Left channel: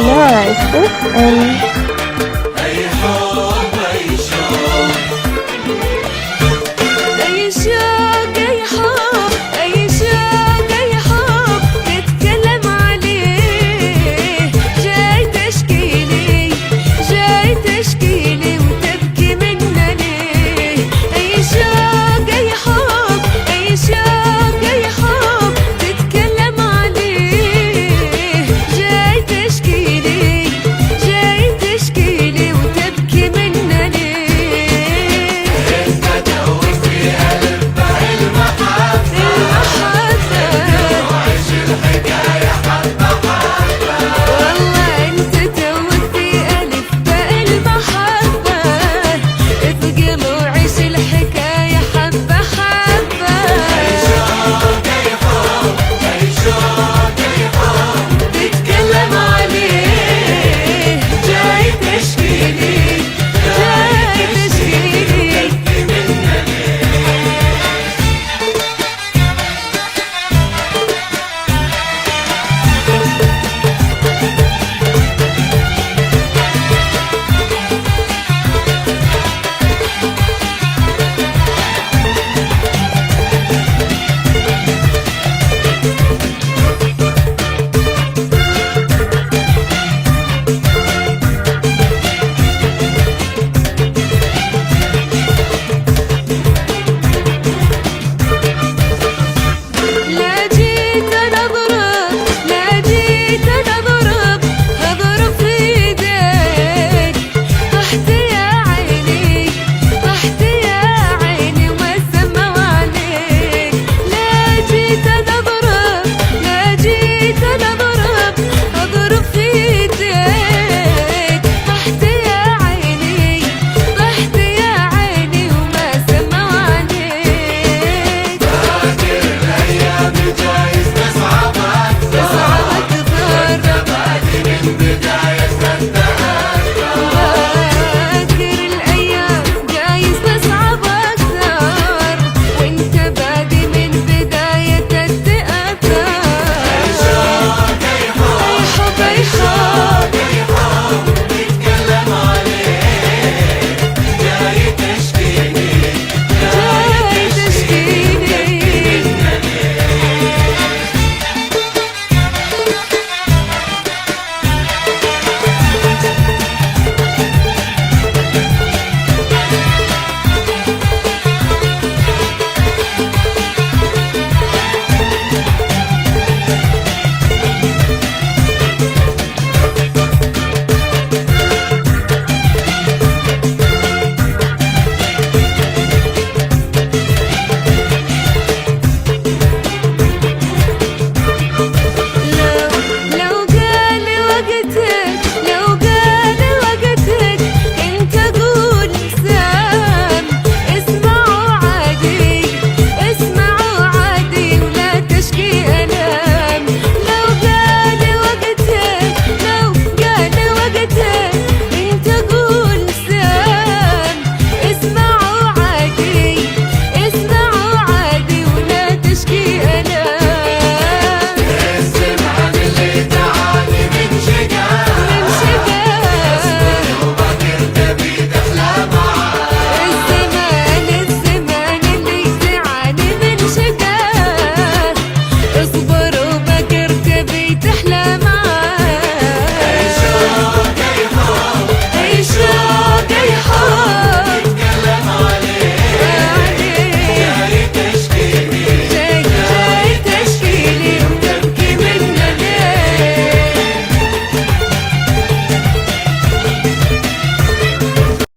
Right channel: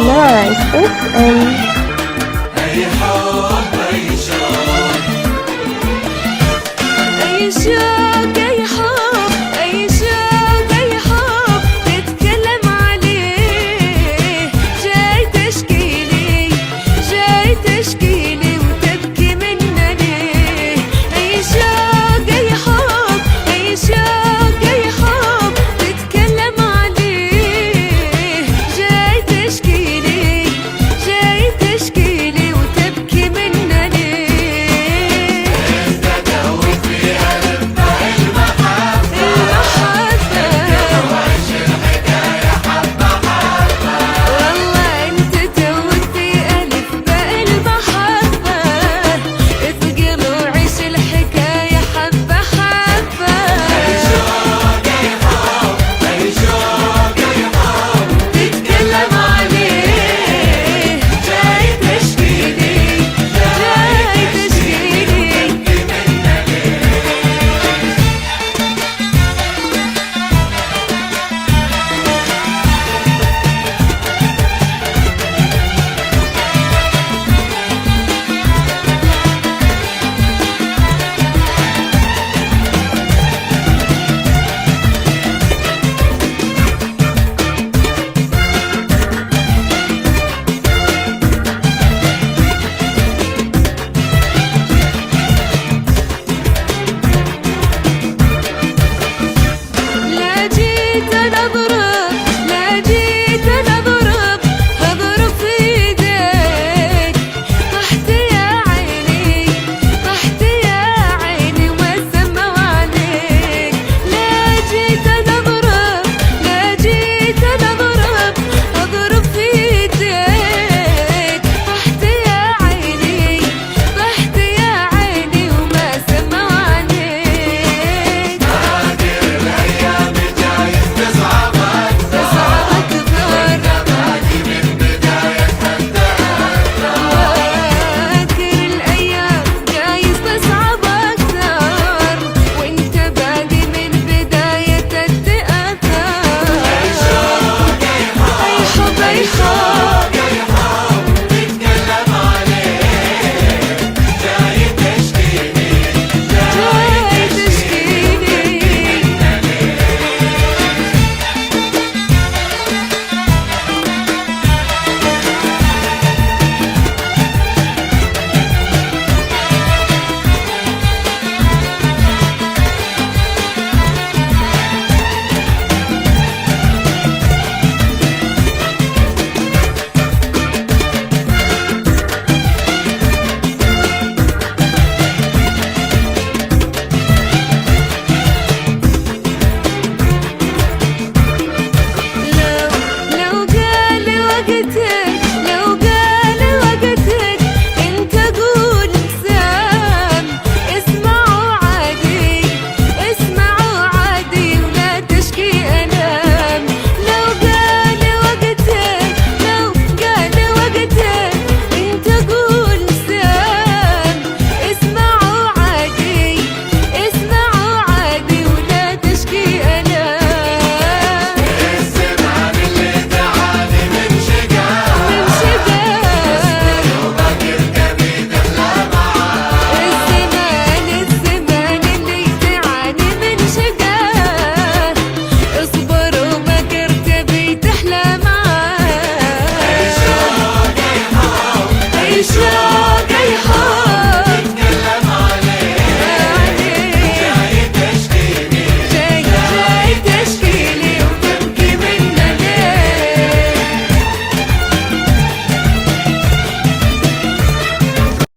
Nice. أي شوق أي حب أي شوق أي حب تتكلم عليه، جاي تشكيلي جاي تشكيلي وتبكي منا ليه. أي شوق أي حب أي شوق أي حب تتكلم عليه، جاي تشكيلي جاي تشكيلي وتبكي منا ليه. والله انت توك في ألف باء المحبة، اثقل وعيش الحكاية حبة حبة. تتكلم عليه جاي تشكيلي جاي تشكيلي. لا جيت أنا أضرب لا جيت أنا أضرب أضرب في إيديك، طحت يا عيني طحت يا عيني وما سمعوا عليك. لا جيت أنا أضرب لا جيت أنا أضرب أضرب في إيديك، طحت يا عيني طحت يا عيني وما سمعوا عليك. تصعب أكثر فاكر الأيام جايز تصعب أكثر، وانت بادي من بداية التأثر. أي حب أي حب جاي تشكيلي. لو قال وقتك لو قال وقتك انت قول سام، اسمعوا عادي اسمعوا عادي ولا تشكي ألام. لو قال وقتك لو قال وقتك انت قول سام، اسمعوا عادي اسمعوا عادي ولا تشكي ألام. من شقاه الزمان اللي تعاني من شقاه، اصبر وبكر تبي تحلى معاه. عيشها